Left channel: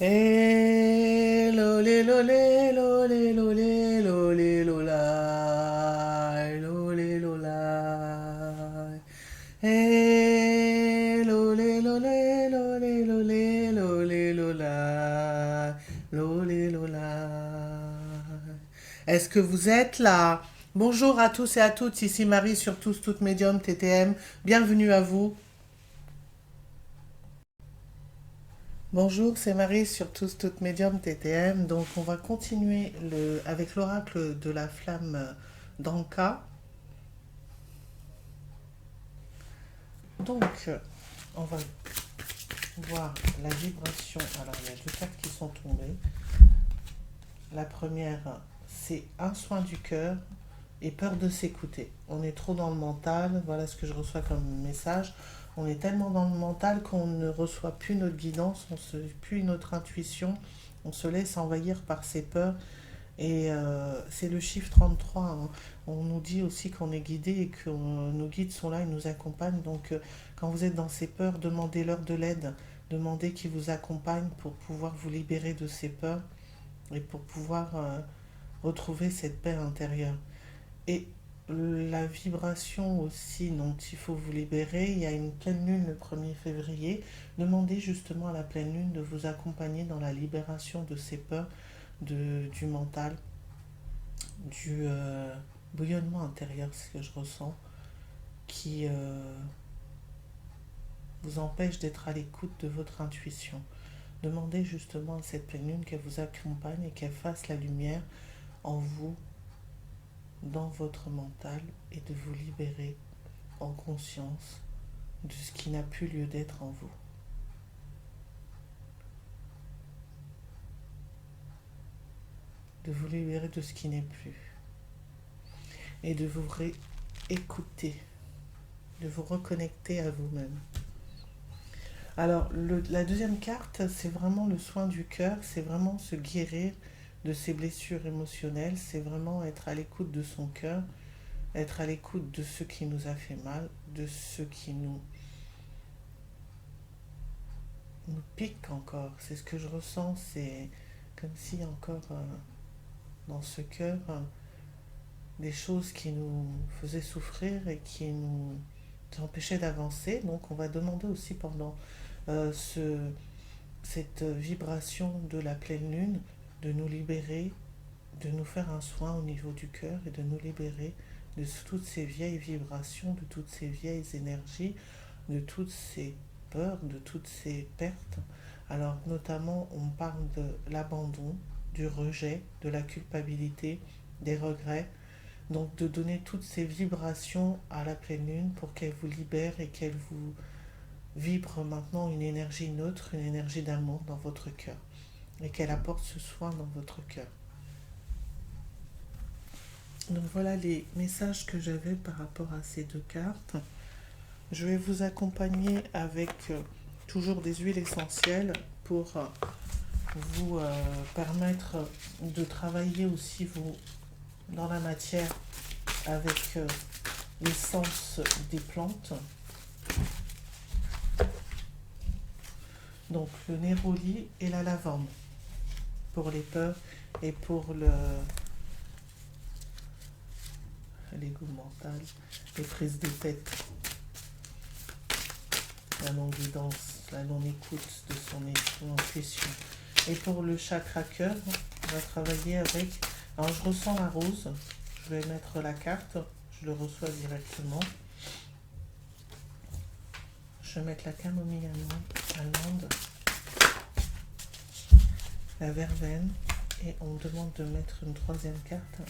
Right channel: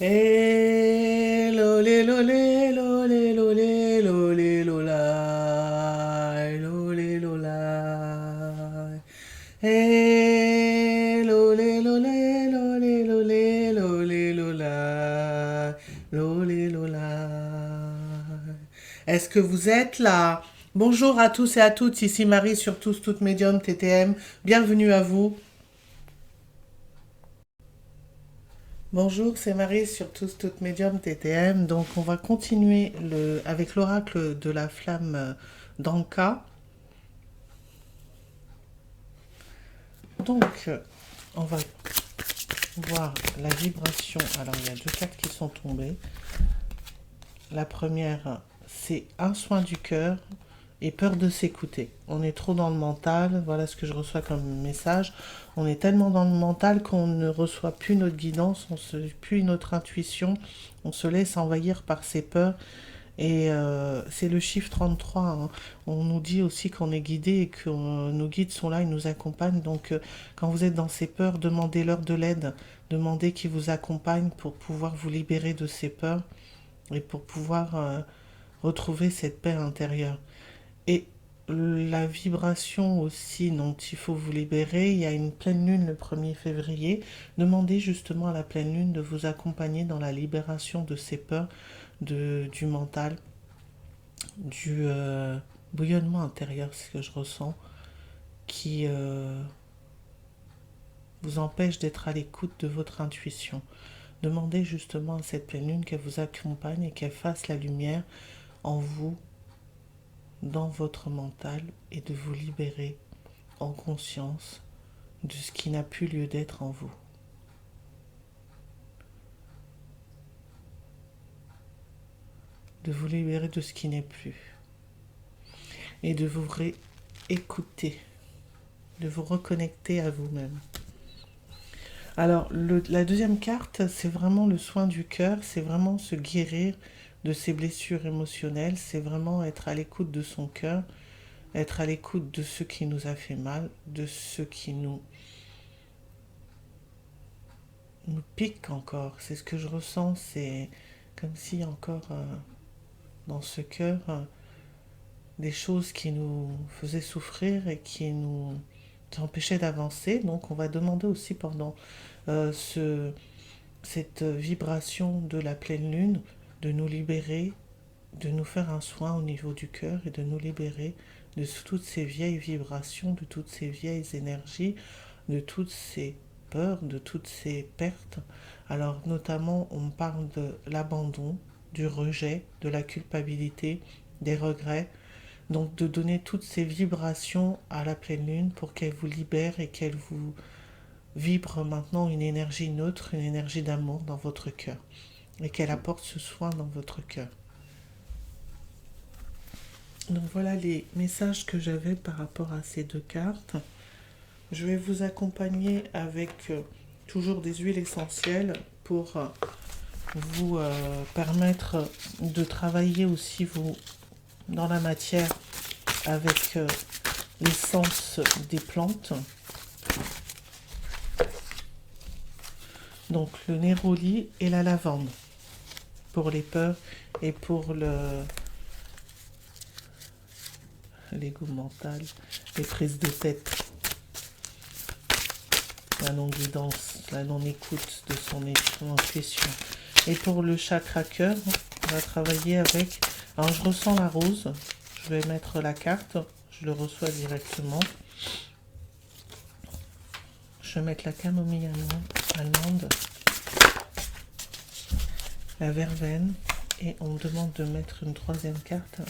Eh, lolé, lolé, lolé, lolé, lolé, lolá, lolé, lolá. Eh, lolé, lolé, lolé, lolé, lolé, lolá, lolé, lolá. Est-ce que vous êtes là? Bonjour à tous et à toutes, ici Marie sur Tous Toutes Médium TTM. Bienvenue à vous. Bonjour, c'est Marie sur Tous Toutes Médium TTM. Donc, on va continuer avec l'oracle de la flamme d'Anka. Donc, on va voir la vibration. Alors, il y a deux cartes qui sont tombées. La première, c'est un soin du cœur et peur de s'écouter. On est trop dans le mental, voilà ce que je reçois comme message. On est tellement dans le mental qu'on ne reçoit plus notre guidance, plus notre intuition, on se laisse envahir par ses peurs. Et c'est le chiffre 33, hein. On nous dit aussi qu'on est guidé et que nos guides sont là, ils nous accompagnent. Donc quand vous êtes dans ces peurs, demandez-leur de l'aide. Demandez qu'ils vous accompagnent pour pouvoir vous libérer de ces peurs et pour pouvoir retrouver cette paix intérieure. Et la vibration aussi dont il faut vous libérer, il y a une pleine lune le 1er février. Demandez justement à la pleine lune de vous accompagner dans la libération de ces peurs du mental, du bouillonnement intérieur, c'est ce que je ressens, qui vous empêche d'être à l'écoute de votre intuition. Demandez justement à cette pleine lune qu'elle vous accompagne et qu'elle fasse la lumière en vous, dans votre mental, et de vous libérer en conscience de ce qui n'a plus lieu d'être en vous. De vous libérer de ce qui n'est plus. Et de vous réécouter, de vous reconnecter à vous-même. Alors, la deuxième carte, c'est vraiment le soin du cœur, c'est vraiment se guérir de ses blessures émotionnelles, c'est vraiment être à l'écoute de son cœur, être à l'écoute de ce qui nous a fait mal, de ce qui nous pique encore. C'est ce que je ressens, c'est comme si encore dans ce cœur, des choses qui nous faisaient souffrir et qui nous empêchaient d'avancer. Donc on va demander aussi pendant cette vibration de la pleine lune de nous libérer, de nous faire un soin au niveau du cœur et de nous libérer de toutes ces vieilles vibrations, de toutes ces vieilles énergies, de toutes ces peurs, de toutes ces pertes. Alors notamment on parle de l'abandon, du rejet, de la culpabilité, des regrets. Donc de donner toutes ces vibrations à la pleine lune pour qu'elle vous libère et qu'elle vous vibre maintenant une énergie neutre, une énergie d'amour dans votre cœur et qu'elle apporte ce soin dans votre cœur. Donc voilà les messages que j'avais par rapport à ces deux cartes. Je vais vous accompagner avec toujours des huiles essentielles pour vous permettre de travailler aussi vous dans la matière avec l'essence des plantes. Donc le néroli et la lavande pour les peurs et pour l'ego mental, les prises de tête, la non-guidance, la non-écoute de son intuition. Et pour le chakra cœur, on va travailler avec... Alors je ressens la rose, je vais mettre la carte, je le reçois directement. Je vais mettre la camomille allemande, la verveine, et on me demande de mettre une troisième carte.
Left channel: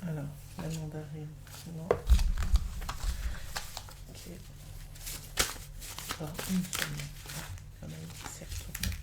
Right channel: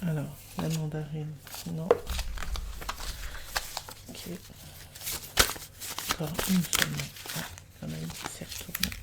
Alors, la mandarine, non. Ok. Encore une seulement. Ah, il y en a une qui s'est retournée.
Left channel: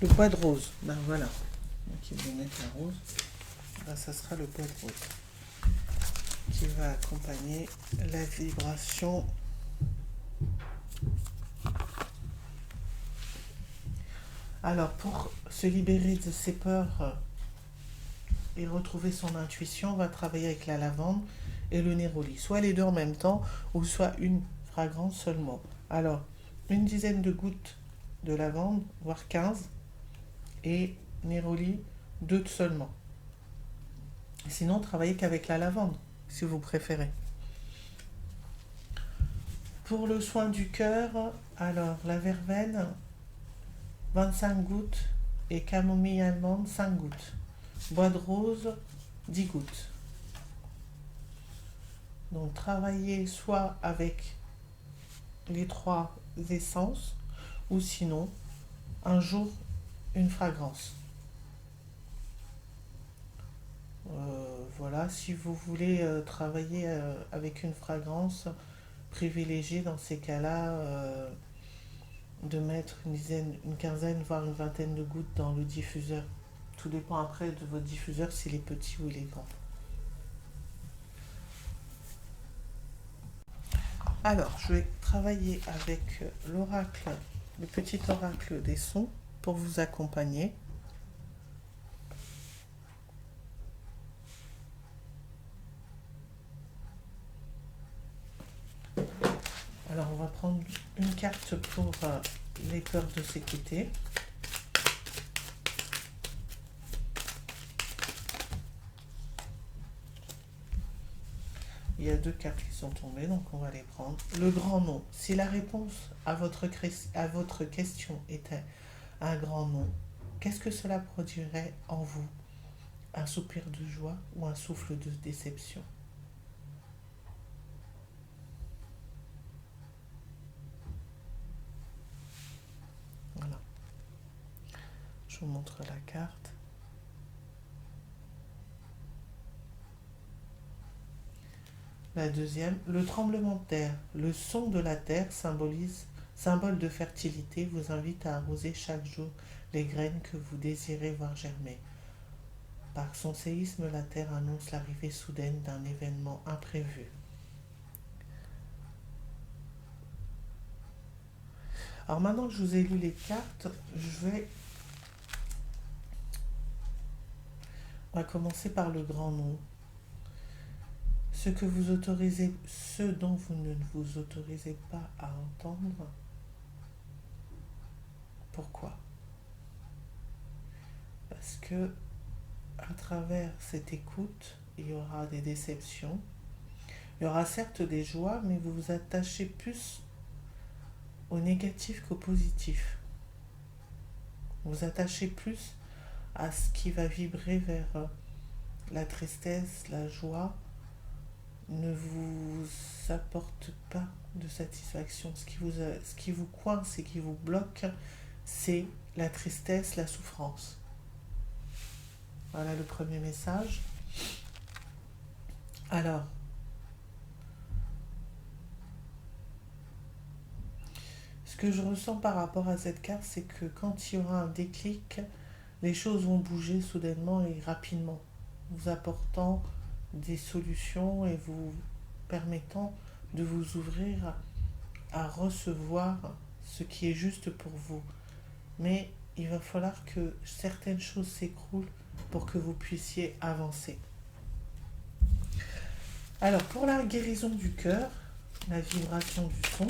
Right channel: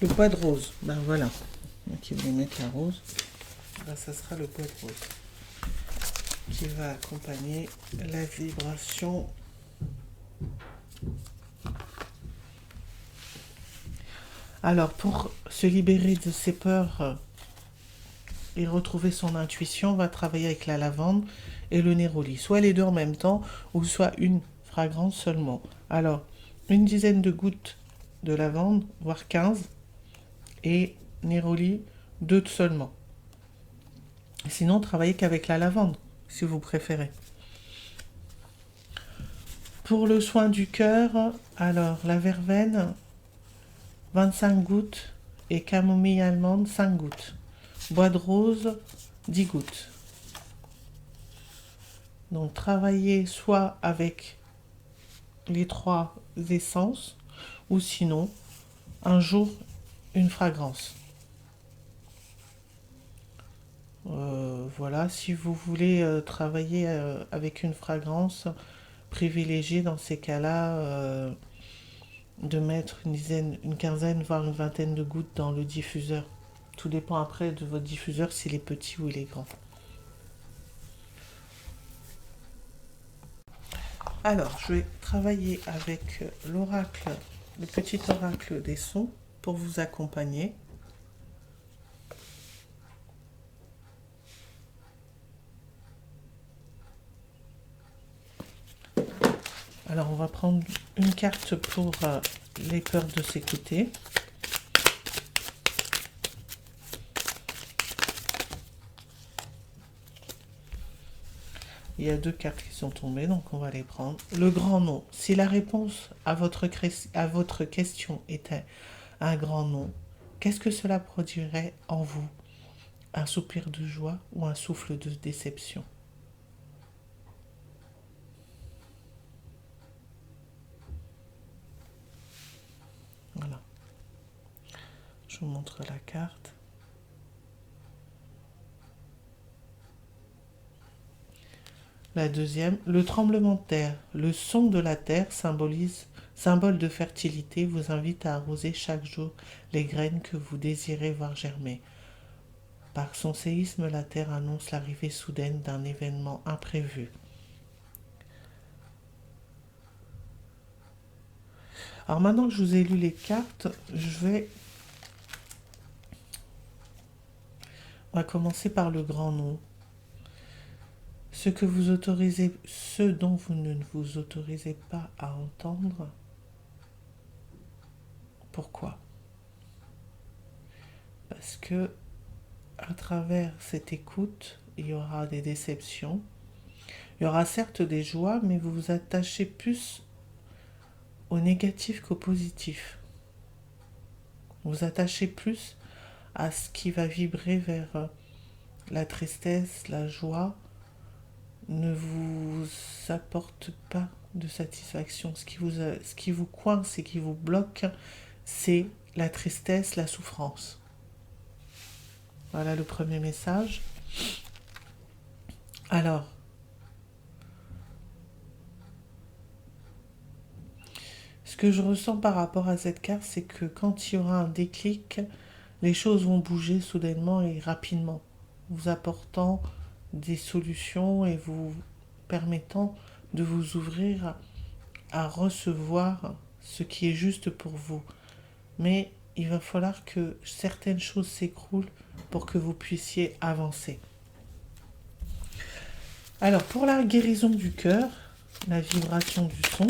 Le bois de rose, ben voilà. Donc ils vont mettre la rose. Ben, ça sera le bois de rose qui va accompagner la vibration. Alors, pour se libérer de ses peurs et retrouver son intuition, on va travailler avec la lavande et le néroli. Soit les deux en même temps, ou soit une fragrance seulement. Alors, une dizaine de gouttes de lavande, voire 15, et néroli, 2 seulement. Sinon, travaillez qu'avec la lavande, si vous préférez. Pour le soin du cœur, alors la verveine, 25 gouttes, et camomille allemande, 5 gouttes. Bois de rose, 10 gouttes. Donc travaillez soit avec les 3 essences, ou sinon, un jour, une fragrance. Voilà, si vous voulez travailler avec une fragrance, privilégiez dans ces cas-là de mettre une quinzaine, voire une vingtaine de gouttes dans le diffuseur. Tout dépend après de votre diffuseur, s'il est petit ou il est grand. Alors, je vais travailler avec l'oracle, le petit oracle des sons pour vous accompagner. Alors, on va prendre une carte pour les peurs de s'écouter. Il y a 2 cartes qui sont tombées, donc on va les prendre. Le grand nom. Si la réponse à votre question était un grand nom, qu'est-ce que cela produirait en vous? Un soupir de joie ou un souffle de déception? Voilà. Je vous montre la carte. La deuxième, le tremblement de terre. Le son de la terre symbole de fertilité, vous invite à arroser chaque jour les graines que vous désirez voir germer. Par son séisme, la terre annonce l'arrivée soudaine d'un événement imprévu. Alors maintenant que je vous ai lu les cartes, on va commencer par le grand nom. Ce dont vous ne vous autorisez pas à entendre. Pourquoi? Parce que à travers cette écoute, il y aura des déceptions. Il y aura certes des joies, mais vous vous attachez plus au négatif qu'au positif. Vous vous attachez plus à ce qui va vibrer vers la tristesse, la joie, ne vous apporte pas de satisfaction. Ce qui vous coince et qui vous bloque, c'est la tristesse, la souffrance. Voilà le premier message. Alors, ce que je ressens par rapport à cette carte, c'est que quand il y aura un déclic, les choses vont bouger soudainement et rapidement, vous apportant des solutions et vous permettant de vous ouvrir à recevoir ce qui est juste pour vous. Mais il va falloir que certaines choses s'écroulent pour que vous puissiez avancer. Alors, pour la guérison du cœur, la vibration du son,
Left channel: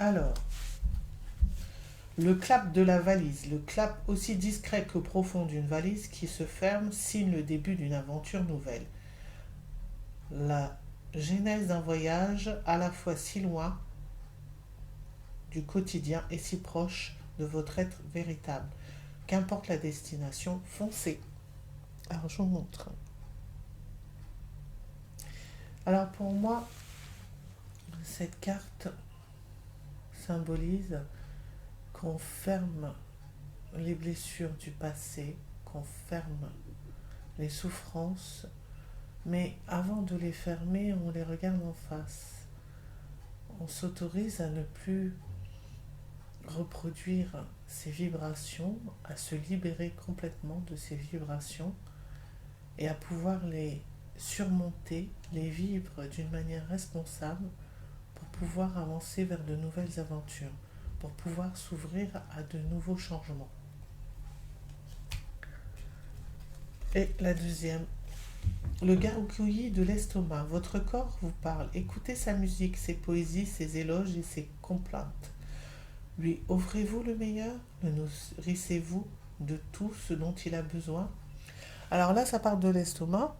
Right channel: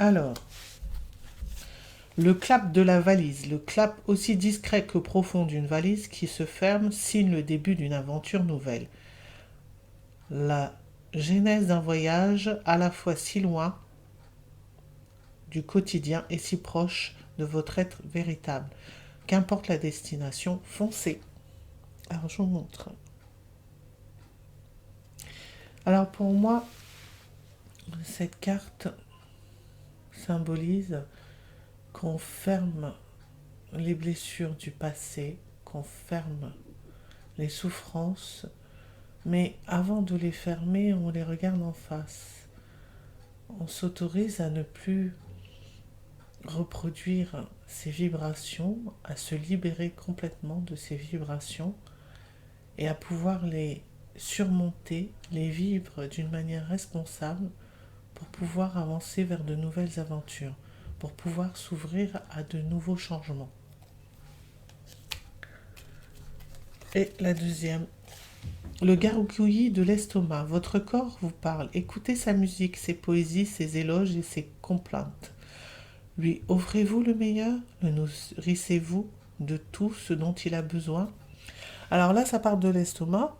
alors, le clap de la valise. Le clap aussi discret que profond d'une valise qui se ferme signe le début d'une aventure nouvelle. La genèse d'un voyage à la fois si loin du quotidien et si proche de votre être véritable. Qu'importe la destination, foncez. Alors, je vous montre. Alors, pour moi, cette carte, symbolise qu'on ferme les blessures du passé, qu'on ferme les souffrances, mais avant de les fermer, on les regarde en face. On s'autorise à ne plus reproduire ces vibrations, à se libérer complètement de ces vibrations et à pouvoir les surmonter, les vivre d'une manière responsable pour pouvoir avancer vers de nouvelles aventures, pour pouvoir s'ouvrir à de nouveaux changements. Et la deuxième, le gargouillis de l'estomac. Votre corps vous parle. Écoutez sa musique, ses poésies, ses éloges et ses complaintes. Lui offrez-vous le meilleur? Le nourrissez-vous de tout ce dont il a besoin? Alors là, ça parle de l'estomac,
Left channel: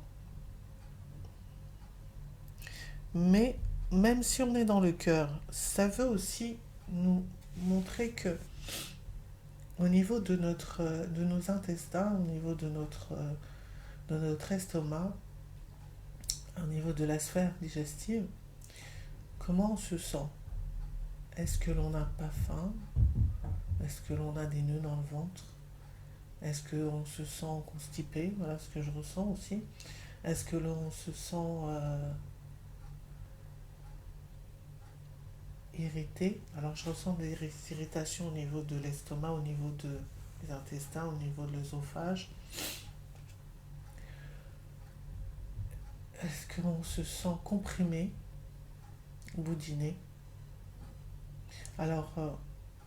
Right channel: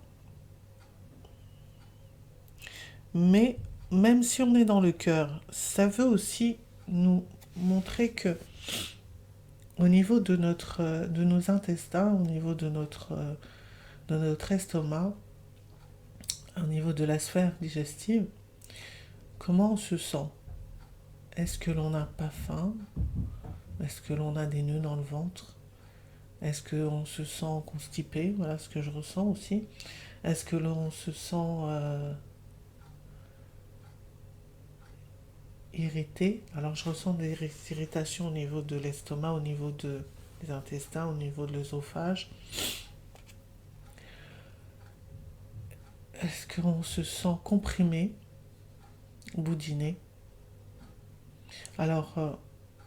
mais même si on est dans le cœur, ça veut aussi nous montrer que au niveau de nos intestins, au niveau de notre estomac, au niveau de la sphère digestive, comment on se sent? Est-ce que l'on n'a pas faim? Est-ce que l'on a des nœuds dans le ventre? Est-ce qu'on se sent constipé? Voilà ce que je ressens aussi. Est-ce que l'on se sent irrité? Alors je ressens des irritations au niveau de l'estomac, au niveau des intestins, au niveau de l'œsophage. Est-ce qu'on se sent comprimé, boudiné? Alors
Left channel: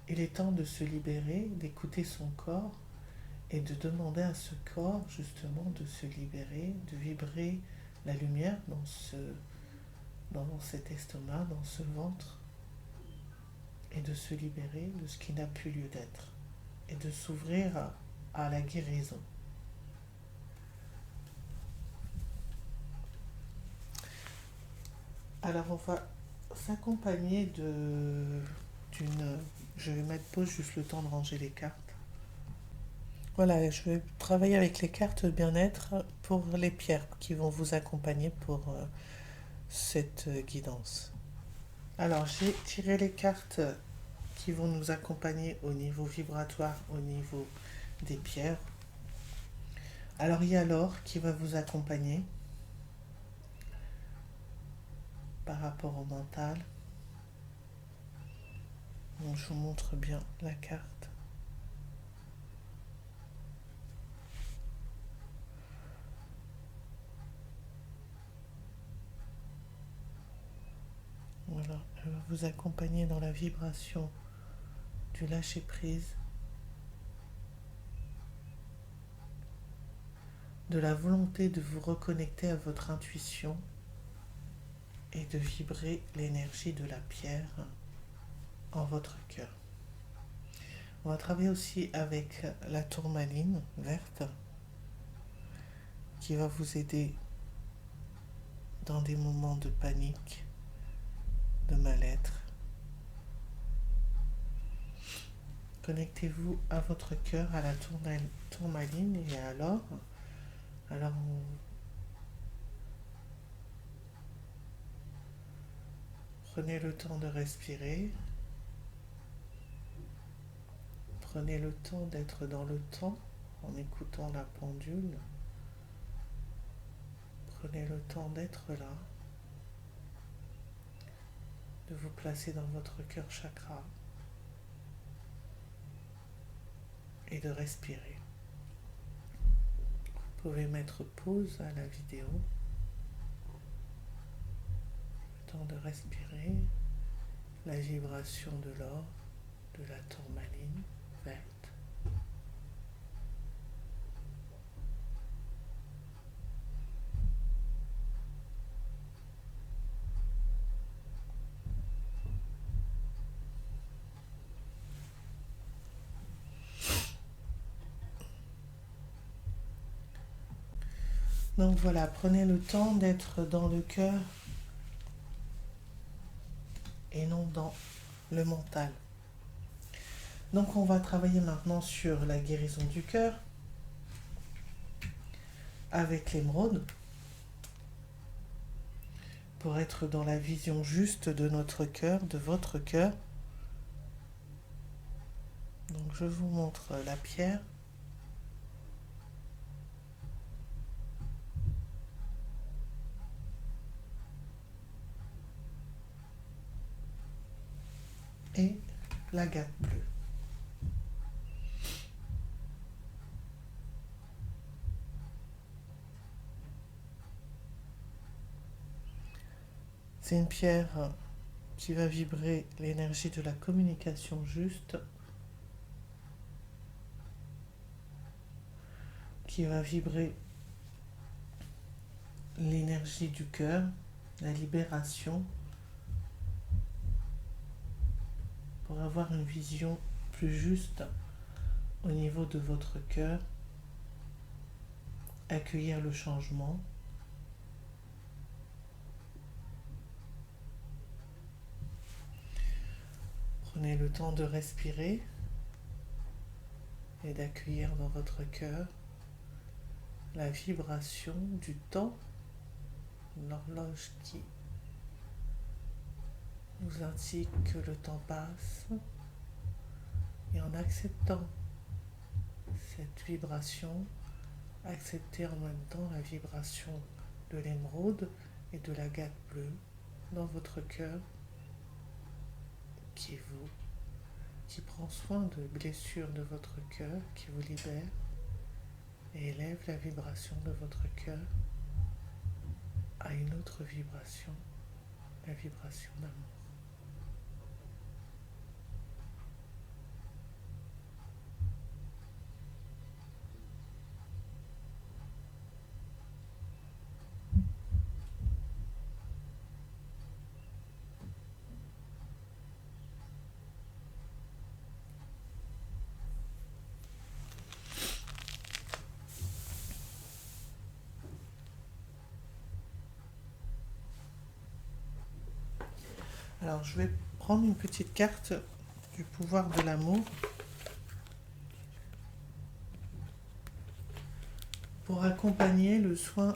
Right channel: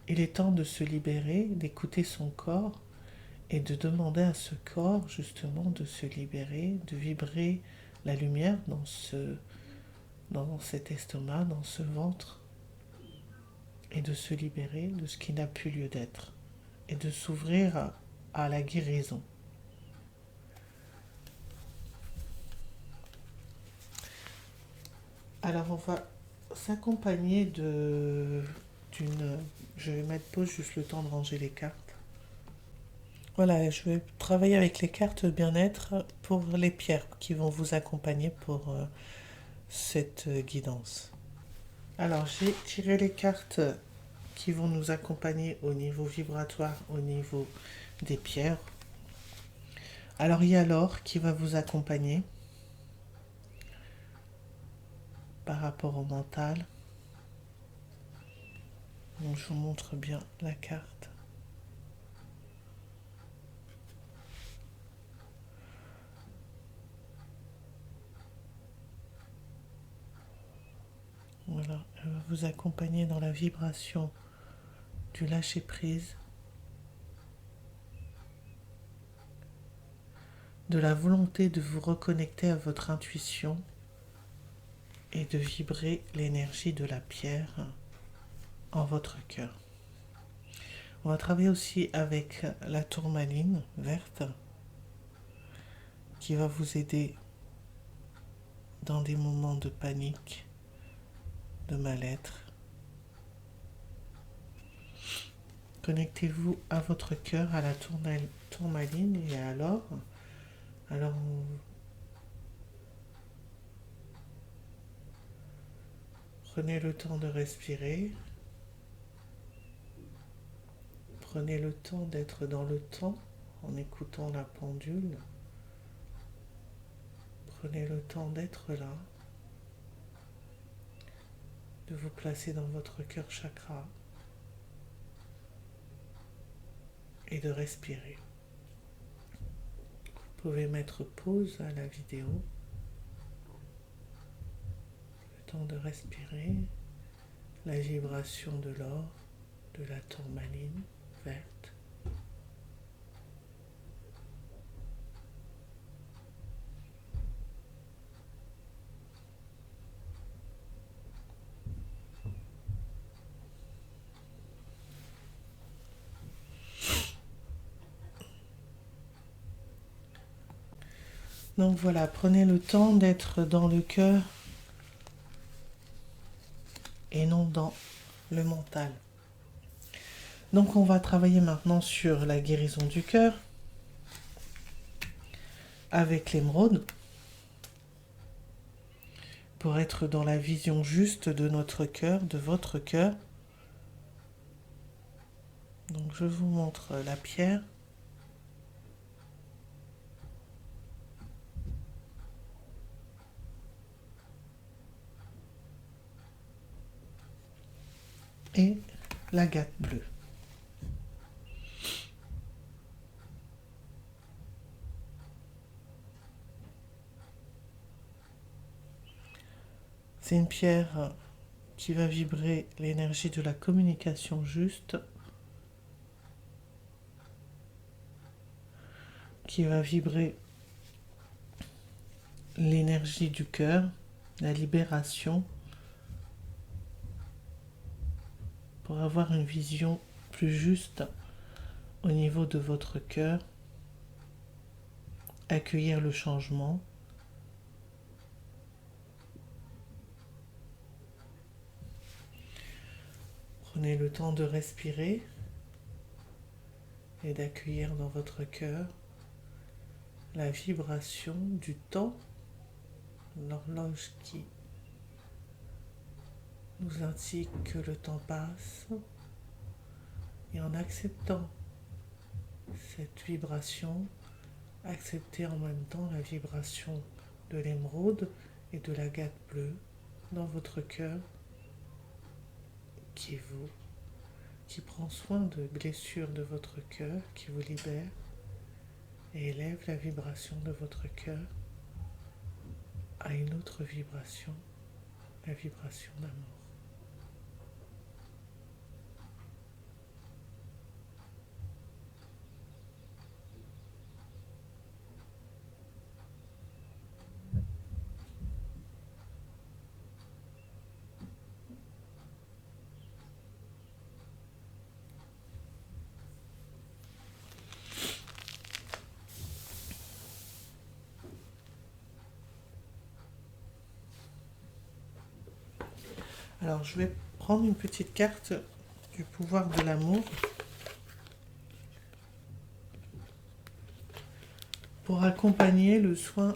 il est temps de se libérer, d'écouter son corps et de demander à ce corps justement de se libérer, de vibrer la lumière dans cet estomac, dans ce ventre, et de se libérer de ce qui n'a plus lieu d'être, et de s'ouvrir à la guérison. Alors on va s'accompagner d'une... Je vais mettre pause juste le temps de ranger les cartes. Voilà, je vais travailler avec les cartes bien-être pour les pierres qui vont vous accompagner pour cette guidance. Alors, j'ai tiré les cartes qui vont nous accompagner au niveau vibratoire, au niveau des pierres. Alors, il y a l'or qui va vous accompagner par rapport au mental. Donc, je vous montre bien la carte. Voilà, elle va vous accompagner dans la vibration du lâcher-prise, de la volonté de vous reconnecter à votre intuition et de vibrer l'énergie de la pierre en votre cœur. On va travailler aussi avec la tourmaline verte qui va vous aider dans des moments de panique, de mal-être. Connectez-vous à votre cœur, à la tourmaline et à l'or. Alors, prenez le temps de respirer. Prenez le temps d'être dans le temps en écoutant la pendule. Prenez le temps d'être là, de vous placer dans votre cœur chakra et de respirer. Vous pouvez mettre pause à la vidéo, le temps de respirer, la vibration de l'or, de la tourmaline verte. Donc voilà, prenez le temps d'être dans le cœur et non dans le mental. Donc on va travailler maintenant sur la guérison du cœur avec l'émeraude pour être dans la vision juste de notre cœur, de votre cœur, Donc je vous montre la pierre. Et l'agate bleue. C'est une pierre qui va vibrer l'énergie de la communication juste, qui va vibrer l'énergie du cœur, la libération, pour avoir une vision plus juste au niveau de votre cœur, accueillir le changement. Prenez le temps de respirer et d'accueillir dans votre cœur la vibration du temps, l'horloge qui nous indique que le temps passe, et en acceptant cette vibration, acceptez en même temps la vibration de l'émeraude et de l'agate bleue dans votre cœur, qui est vous, qui prend soin de blessures de votre cœur, qui vous libère et élève la vibration de votre cœur à une autre vibration, la vibration d'amour. Alors je vais prendre une petite carte du pouvoir de l'amour pour accompagner le soin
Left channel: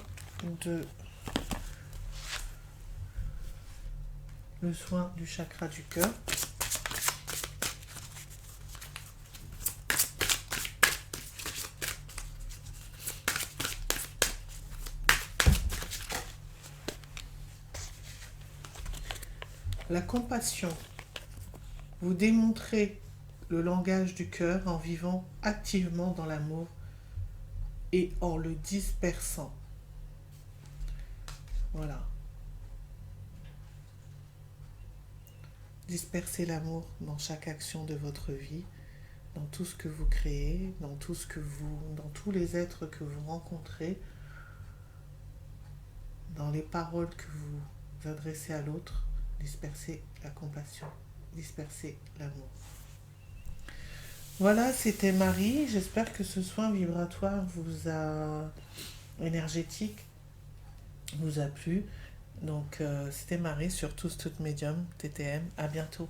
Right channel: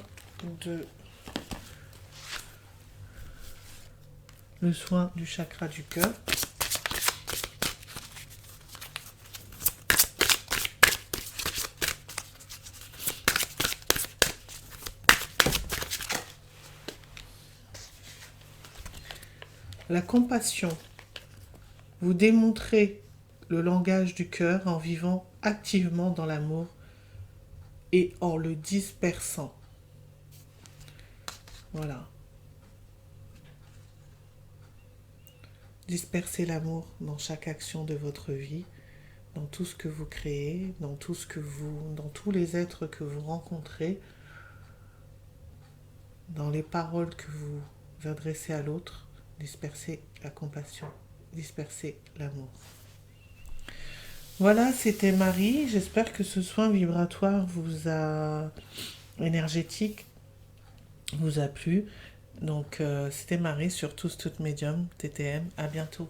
du chakra du cœur. La compassion. Vous démontrez le langage du cœur en vivant activement dans l'amour et en le dispersant. Voilà. Dispersez l'amour dans chaque action de votre vie, dans tout ce que vous créez, dans tous les êtres que vous rencontrez, dans les paroles que vous adressez à l'autre. Dispersez la compassion, dispersez l'amour. Voilà, c'était Marie. J'espère que ce soin vibratoire énergétique vous a plu. Donc, c'était Marie sur Tous Toutes Médium, TTM. À bientôt.